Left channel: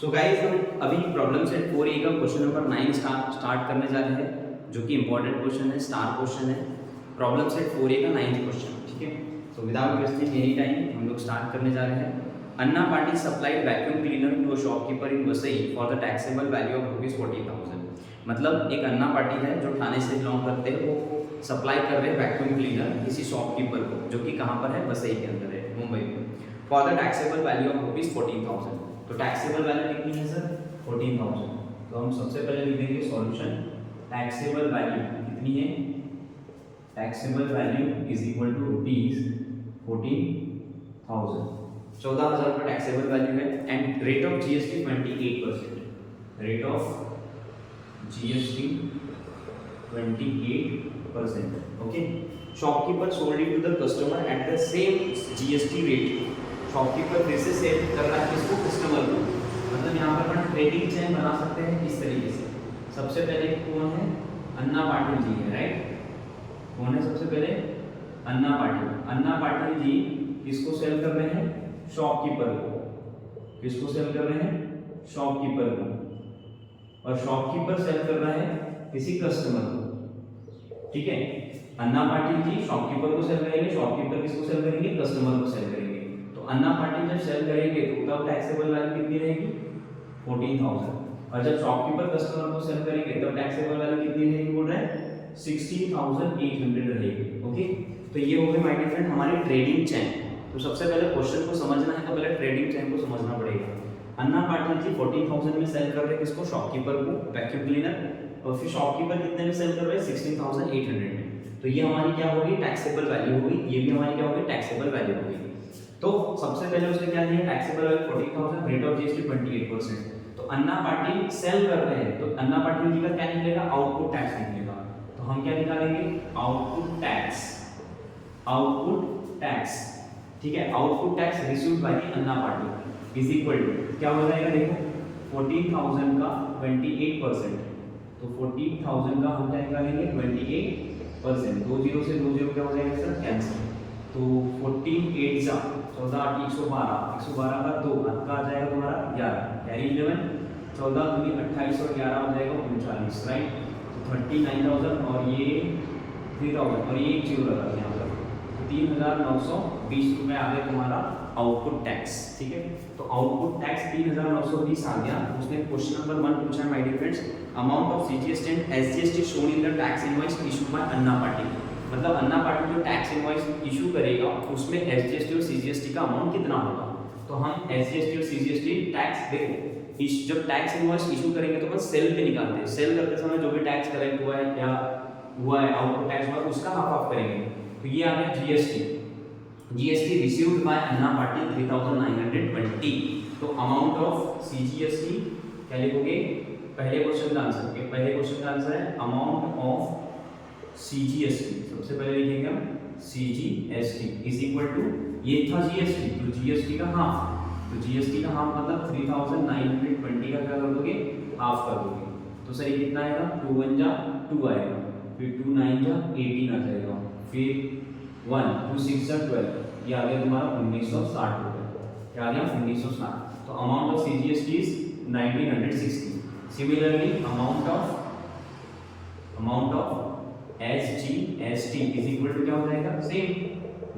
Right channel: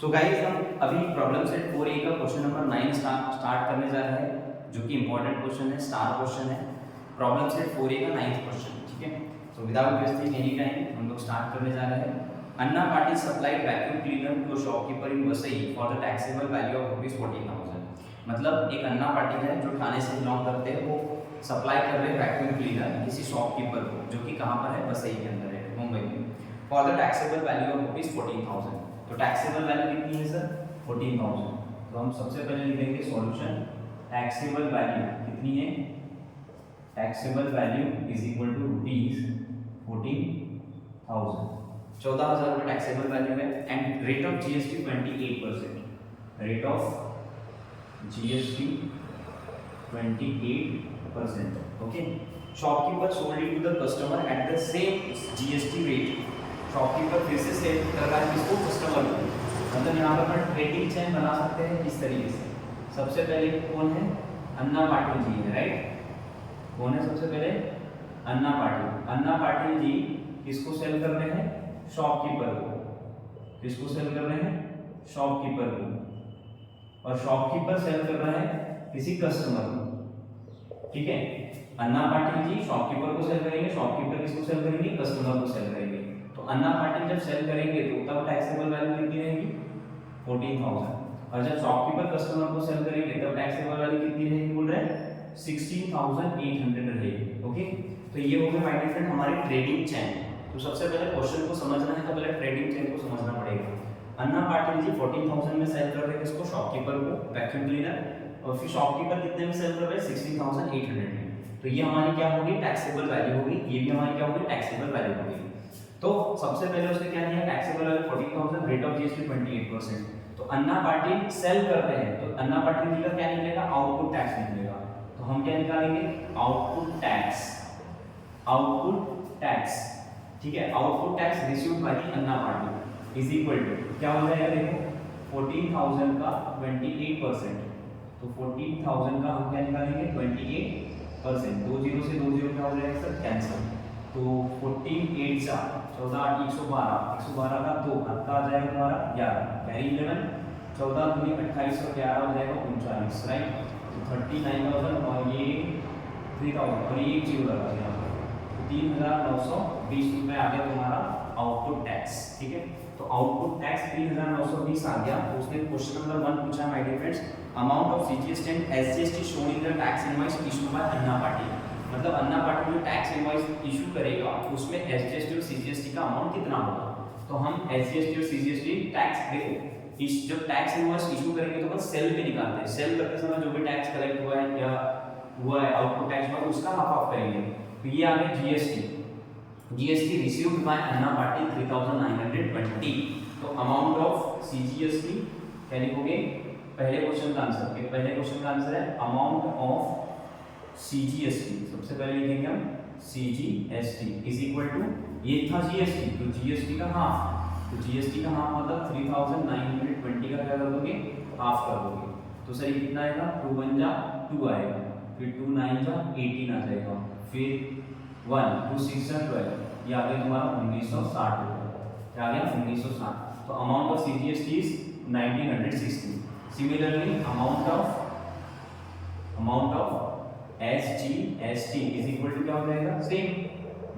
So guys हम अभी problem set 4A का क्वेश्चन नंबर 9 स्टार्ट करने जा रहे हैं, जो कि इंपॉर्टेंट क्वेश्चन है, स्टार क्वेश्चन है। प्रॉब्लम सेट 4A का 9th क्वेश्चन, ठीक है। So without wasting any time हम लोग स्टार्ट करने जा रहे हैं। Anna party supplied vacuum cleaner to a shopkeeper in Vasai for the taxable value of ₹40,000। मतलब एक अन्ना पार्टी है जो थाने से बिलोंग करते हैं, वो सप्लाई कर रहे हैं वैक्यूम क्लीनर किसी शॉपकीपर को, जो कि कहाँ पर है, वसई के अंदर है, मुंबई में, for the taxable value of ₹40,000। तो टैक्सेबल वैल्यू कितनी है सर, 14,000। तो हम सबसे पहले लिखेंगे सॉल्यूशन, टैक्सेबल वैल्यू कितनी है, taxable value is equal to ₹14,000। 14,000 का टैक्सेबल वैल्यू है and rate of GST 28%, rate of GST 28%। Okay, shopkeeper sold it to the customer at the same GST rate. Shopkeeper फिर से सेल कर रहा है किसको, कस्टमर को। मतलब यहाँ पर अपन ट्रेडिंग चेन बना सकते हैं इस तरीके से। सबसे पहले कौन है, अन्ना पाटिल जी है, राइट। कौन है सबसे पहले, अन्ना पाटिल। अन्ना पाटिल जी किसको सेल कर रहे हैं, शॉपकीपर को। किसको सेल कर रहे हैं, शॉपकीपर को। और शॉपकीपर सेल कर रहा है किसी कस्टमर को, ठीक है। अन्ना पाटिल जी शॉपकीपर को सेल करेंगे, शॉपकीपर किसको सेल करेंगे, कस्टमर को सेल करेंगे। तो अन्ना पाटिल जब सेल करेंगे तो तब टैक्सेबल वैल्यू कितनी रहेगी, 14,000। और जब शॉपकीपर कस्टमर को सेल करेंगे तब टैक्सेबल वैल्यू कितनी रहेगी, बोल रहे हैं 16,800 रहेगी। ओके, तो ये हो गई माय डियर फ्रेंड हमारी ट्रेडिंग चेन। तो सबसे पहले क्वेश्चन को समझना है तो पहले ट्रेडिंग चेन को समझना पड़ेगा। अन्ना पाटिल जी 14,000 में सेल कर रहे हैं किसको, शॉपकीपर को, वैक्यूम क्लीनर। और फिर शॉपकीपर कितने में सेल कर रहे हैं, 16,800 में। तो ये हमारी क्या होगी, टैक्सेबल वैल्यू होगी। ये भी हमारी क्या होगी, टैक्सेबल वैल्यू होगी। तो सबसे पहले उसने क्या किया, taxable value 14,000, rate of GST 28%। तो अन्ना पाटिल सेल कर रहे हैं तो अन्ना पाटिल जी का क्या निकलेगा, आउटपुट टैक्स निकलेगा। तो हम क्या निकालेंगे, आउटपुट टैक्स, आउटपुट टैक्स, ठीक है। Output tax received by the Anna Patil is equal to क्या हो जाएगा, देखो 14,000 का 28%। तो 14,000 का हम क्या निकालेंगे, 28%। 2 जीरो से 2 जीरो क्या हो जाएगा सर, कैंसिल। तो 14 8 जा 14 8 112, 112 का 2 का आ जाएगा तुम्हारा 11, कैरी 11, 14 दूनी 28 और 11 हो जाएगा 39, राइट। तो 39,000 और ये 3,000 और ये एक जीरो लगा था यहाँ पर, तो 3,920 रुपये आ गया तुम्हारा आउटपुट टैक्स, ठीक है। तो आउटपुट टैक्स 3,920 आ गया। उसने क्वेश्चन नंबर 1 पूछा है my dear friends, amount of CGST and SGST shown in the tax invoice issue by Anna Patil. मतलब अन्ना पाटिल जो टैक्स इनवॉइस इशू करेगा उसमें एसजीएसटी और सीजीएसटी का अमाउंट कितना होगा। तो हम एसजीएसटी और सीजीएसटी टैक्स, देखो जब टैक्स इनवॉइस इशू करेंगे तो हम सेल पे निकालते हैं। सेल करते समय जो भी टैक्स कलेक्ट हुआ है या हुआ है, आउटपुट टैक्स हुआ है, उसका हाफ ऑफ करेंगे। तो ये आ गया GST, GST received by Anna Patil 3,920। तो अमाउंट ऑफ सीजीएसटी क्या लिखोगे, पहले क्वेश्चन का आंसर, पहले क्वेश्चन का आंसर है अमाउंट ऑफ सीजीएसटी। सबसे पहले लिखेंगे हम सीजीएसटी इज इक्वल टू, ये था जीएसटी, तो जीएसटी का हाफ। तो जीएसटी का हाफ मतलब 3,920 का क्या कर दोगे, हाफ कर दोगे। तो सर ये कितना आएगा, 2 1 जा 2 आएगा, फिर 2 9 जा 18 आ जाएगा, फिर 1 2 6 जा 12, ये आ गया तुम्हारा 1960 रुपये। क्या आ गया, 1960। तो amount of CGST is 1960। Similarly amount of SGST is equal to क्या हो जाएगा, सेम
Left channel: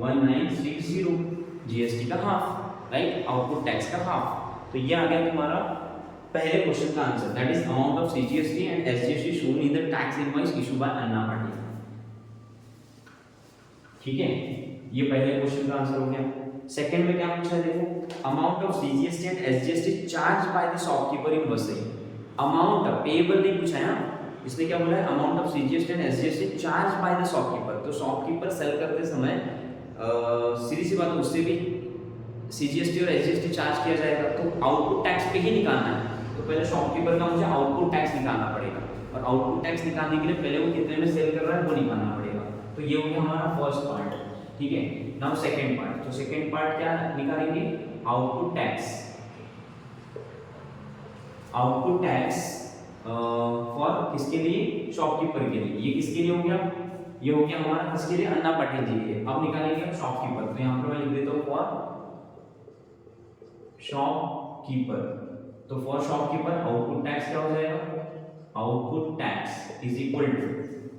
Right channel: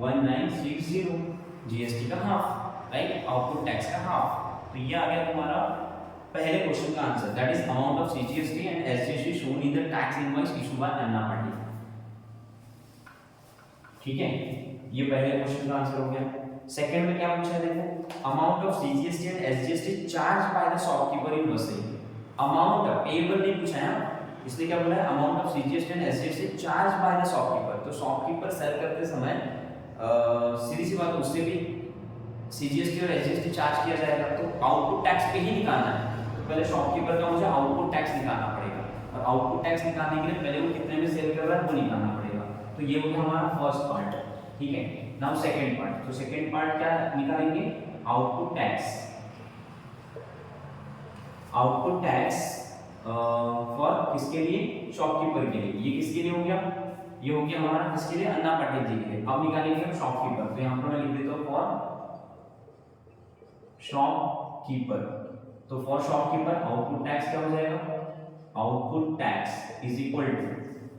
1960, जीएसटी का हाफ, राइट, आउटपुट टैक्स का हाफ। तो ये आ गया तुम्हारा पहले क्वेश्चन का answer, that is amount of CGST and SGST shown in the tax invoice issue by Anna Patil, ठीक है। ये पहले क्वेश्चन का आंसर हो गया। सेकंड में क्या पूछा है, देखो amount of CGST and SGST charge by the shopkeeper in Vasai. Amount payable नहीं पूछा है ना, इसने क्या बोला है, amount of CGST and SGST charge by the shopkeeper. तो शॉपकीपर सेल करते समय सीधी सी बात, उससे भी सीजीएसटी और एसजीएसटी चार्ज किया जाएगा। तो आउटपुट टैक्स पे ही निकालना है, तो पहले शॉपकीपर का मुझे आउटपुट टैक्स निकालना पड़ेगा, और आउटपुट टैक्स निकालने के लिए पहले वो कितने में सेल कर रहा है वो निकालना पड़ेगा। तो ये हो गया हमारा फर्स्ट पार्ट, ठीक है। नाउ सेकंड पार्ट, तो सेकंड पार्ट क्या निकालेंगे, output tax, output tax for किसके लिए, शॉपकीपर के लिए। ये किसके लिए हो गया, ये हो गया हमारा किसके लिए, अन्ना पाटिल जी के लिए। अब निकालेंगे हम शॉपकीपर, तो यहाँ पर मैं लिख देता हूँ फॉर शॉपकीपर। तो फॉर शॉपकीपर आउटपुट टैक्स क्या हो जाएगा, output tax is equal to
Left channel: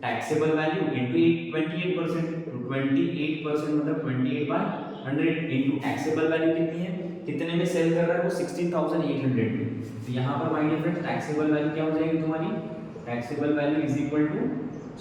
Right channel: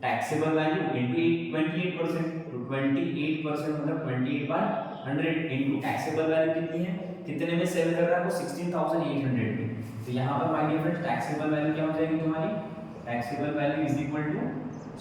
taxable value into 28%, तो 28% मतलब 28/100 इनटू टैक्सेबल वैल्यू कितनी है, कितने में सेल कर रहा है वो 16,800 में। तो यहाँ पर my dear friends taxable value क्या हो जाएगी तुम्हारी, taxable value is equal to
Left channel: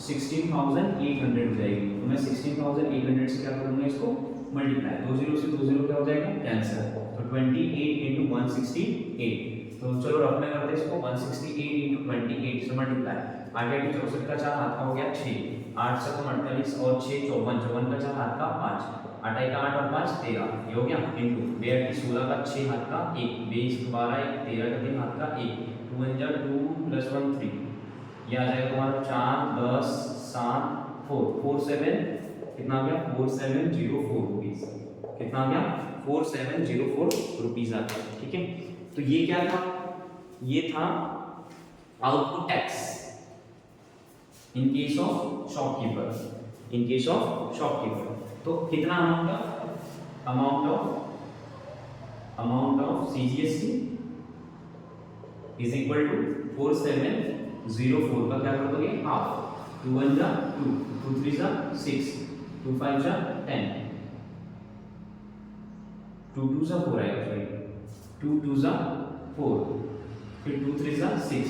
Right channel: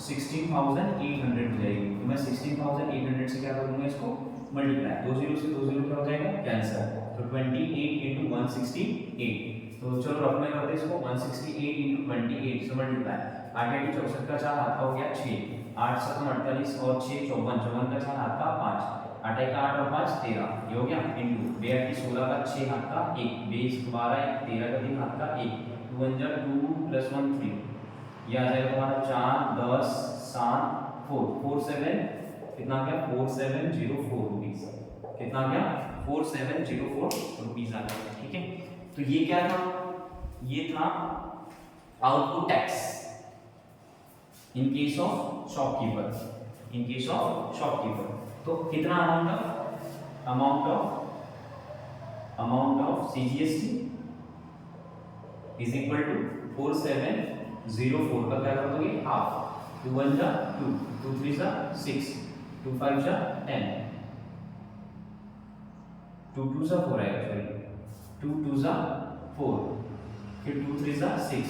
16,800 हो जाएगी। तो मैं 16,800 से क्या करूंगा इसको मल्टीप्लाई, 20 से 20 क्या हो जाएगा कैंसिल, तो 28 इंटू 168। तो चलो रखने करते इसको 168 इंटू 28 से मल्टीप्लाई, 8 8 64 का 4 हाथ का हो गया 6, 8 7 48 और 6 54, 54 का 4 हाथ का 5, 8 1 8 और 5 13, ये हो गया इंटू 2 8 16 का 6 हाथ का 1, 20 12 13 का 3 हाथ का 1, 2 1 2 प्लस 1 3, ये आ जाएगा तुम्हारा 4 10 7 4 4 7 कितना आ गया 4704 रुपीस, कितना आ गया 4704 रुपीस आ गया। ठीक है, तो ये क्या था, ये था output tax in case of shopkeeper, in case of shopkeeper. तो कितना amount of CGST is equal to 4704 का क्या कर दोगे हाफ, 2 1 जा 2, 2 3 जा 6, 2 5 जा 10, 2 2 जा 4 आएगा, सॉरी 2 2 जा 4, फिर 2 3 जा 6,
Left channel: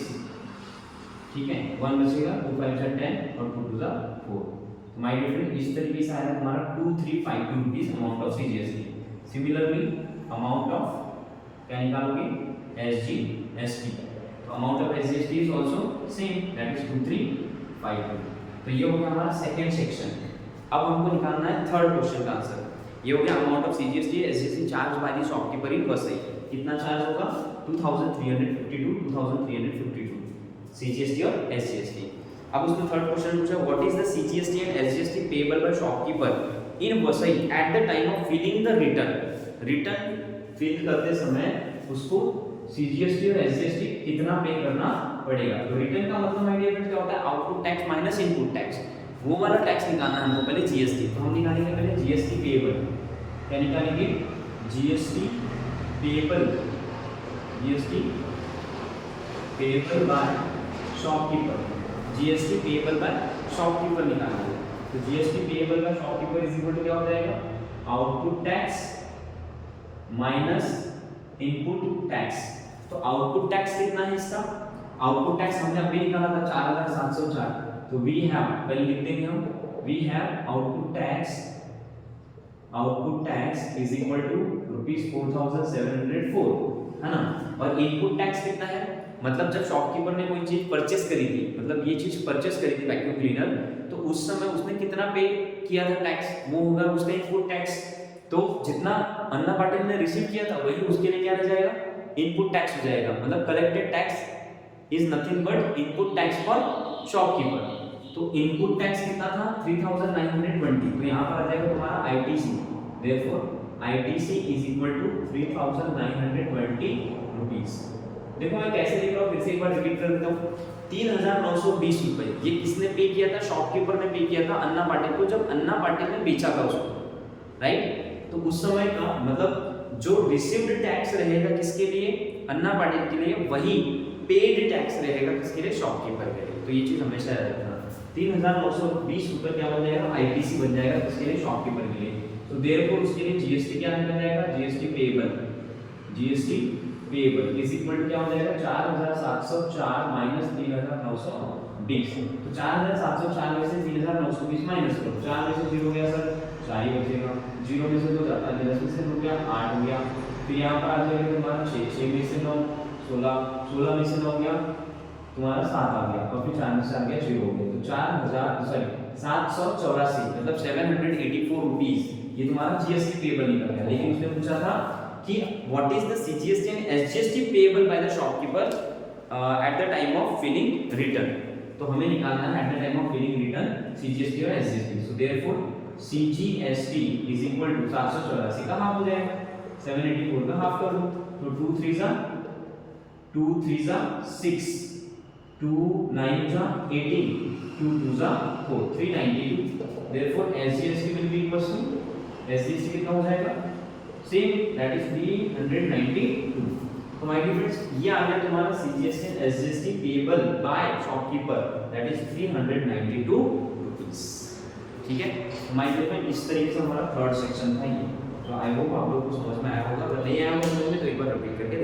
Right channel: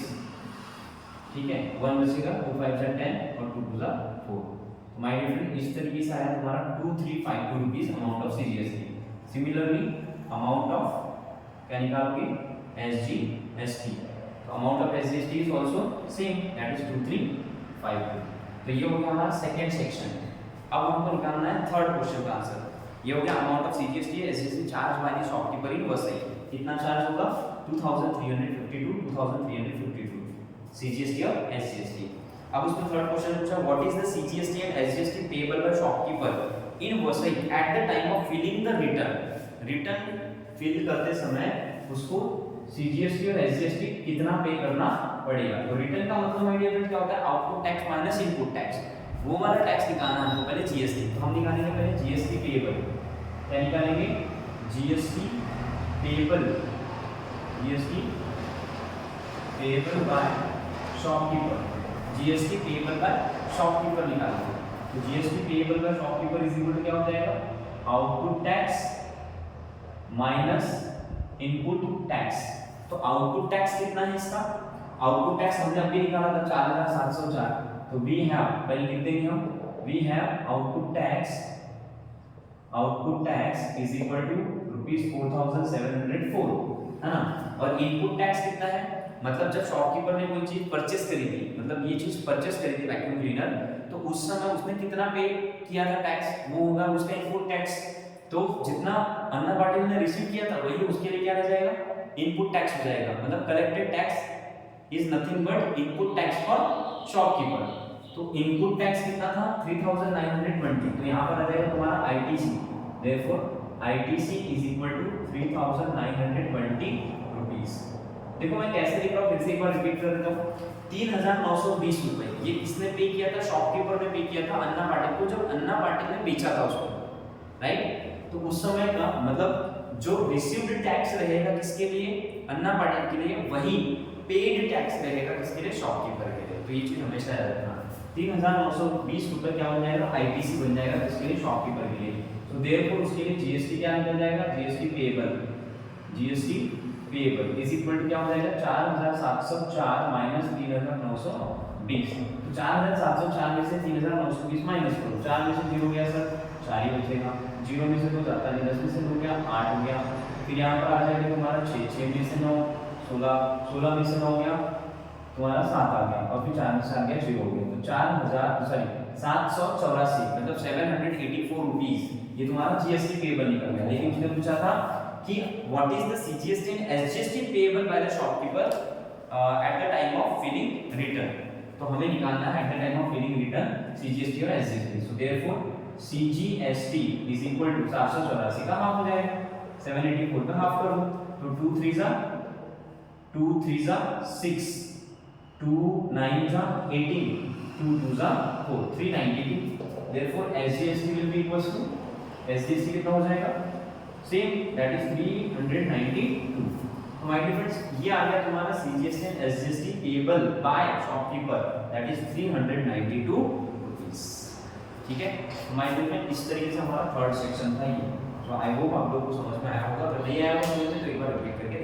ठीक है 1 बचेगा, 2 5 जा 10 और 2 2 जा 4। तो माय डियर फ्रेंड इस तरीके से आया तुम्हारा 2352 rupees amount of CGST. Similarly amount of क्या निकालोगे एसजीएसटी, तो amount of SGST is also same, that is 2352। तो ये हो गया हमारा सेकंड सेक्शन। अब हमको निकालना है थर्ड क्वेश्चन का आंसर। ये हो गया amount of CGST SGST charge by the shopkeeper in Vasai, कितना चार्ज होगा 2352 सीजीएसटी और एसजीएसटी। अब उसमें थर्ड क्वेश्चन पूछा what is the CGST and SGST payable by shopkeeper in Vasai at the time of filing the return fill करते समय उसको CGST और एसजीएसटी कितना पे करना पड़ेगा। तो रिटर्न का मतलब है डियर फ्रेंड्स क्या होता है output tax minus input tax, वो वाला टैक्स निकालना हमको पहले जीएसटी। तो हम निकालेंगे पहले जीएसटी पेएबल, क्या निकालेंगे GST payable, GST payable by shopkeeper, GST payable by shopkeeper निकालेंगे। तो GST payable by shopkeeper is equal to क्या हो जाएगा output tax minus input tax. तो आउटपुट टैक्स कितना है इसका, आउटपुट टैक्स हमने अभी निकाला था 4704। तो वी हैव पहले लिख देंगे हम, we have output tax is equal to ₹4704 है ना। और इनपुट टैक्स कितना है, मतलब जब शॉपकीपर ने कोई चीज परचेस करी थी, मतलब ये चीज परचेस करी थी वैक्यूम क्लीनर, तो उस समय उसने कितना पे किया था टैक्स, वो होगा उसका इनपुट टैक्स। तो जितना अन्ना पाटिल ने रिसीव किया था वही उसके लिए क्या रह जाएगा इनपुट टैक्स हो जाएगा, मतलब collected tax is nothing but input tax for shopkeeper. तो इनपुट टैक्स कितना था 3920, तो यहाँ पर आ जाएगा तुम्हारा ITC, therefore ITC is equal to 3920 rupees. देखो मैं कैसे लिख रहा हूँ, फिर से एक बार रिपीट कर देता हूँ। 3920 रुपए ये किसने पे किया था, शॉपकीपर ने पे किया था अन्ना पाटिल को, जब अन्ना पाटिल ने बेचा था उसको, राइट। तो उस समय का मतलब जो रिसीव्ड टैक्स रहेगा किसके लिए, अन्ना पाटिल के लिए, वही पेड टैक्स रहेगा किसके लिए, शॉपकीपर के लिए। तो ये चीज हमेशा याद रखना। 3920 रुपए क्या बन जाएगा आईटीसी बन जाएगा किसके लिए, शॉपकीपर के लिए। तो देयरफॉर उसके लिए जीएसटी क्या निकल जाएगा, GST payable is equal to क्या हो जाएगा 4704 माइनस 3920। तो 4704 में से 3920 माइनस करो, 4 में से 0 गया सर 4 ही बचेगा, 0 में से 2 जाता है, 10 में से 2 गया 8 हो गया, फिर यहाँ पर आ जाएगा तुम्हारा 6 में से 9 16 में से 9 गया तुम्हारा 7 आ गया, और फिर 4 में से आ गया 0 हो गया। तो 784 मतलब 784 रुपीस ये तुम्हारा जीएसटी पेएबल निकल गया। लेकिन उसने पूछा था कि what is the CGST and SGST payable by the shopkeeper at the time of filing return. तो हमें निकालना है at the time of filing return CGST और SGST. So therefore CGST is equal to 784 का हाफ हो जाएगा, 784 का half कर दो, तो 2 3 जा 6, 2 9 जा 18, 2 2 जा 4, 392। Therefore SGST will be equals to SGST कितना हो जाएगा सेम, दैट इज 392। तो माय डियर फ्रेंड्स ये आ गया तुम्हारा CGST and SGST payable by shopkeeper that is 392 rupees. ठीक है, तो माय डियर फ्रेंड इस तरीके से हमारा थर्ड सेक्शन था ये। तो आई होप आप लोग को समझ में आया होगा, अगर नहीं आया होगा तो एक बार रिपीट करके